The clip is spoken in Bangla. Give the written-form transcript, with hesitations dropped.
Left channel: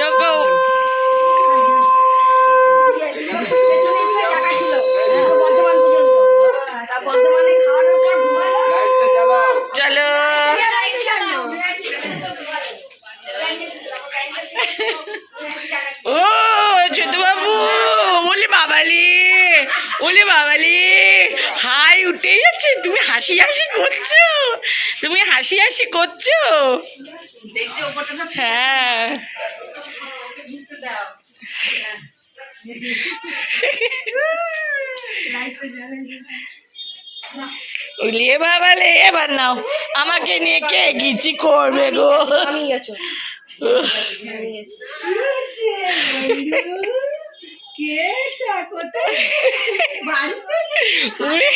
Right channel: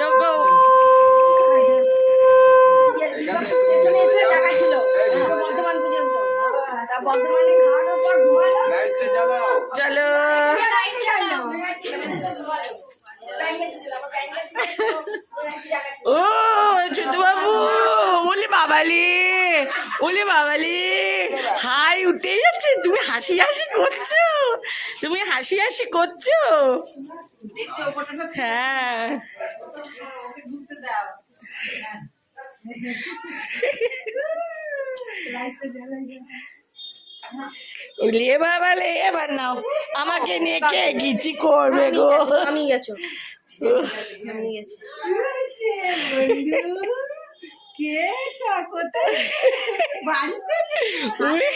ঢোকো। চলো ও ছোটু বাবু, ওলে বাবালি, ওলে বাবালি, হাই উঠে যাচ্ছে। তুমি হাসি হাসি করছো, তুমি হাসি হাসি করছো। হ্যাঁ উলিয়ে বাবালে, এবার নাও। আমাকে নিয়ে কে গিচি করবে গো? আমি গেছো উড়ে।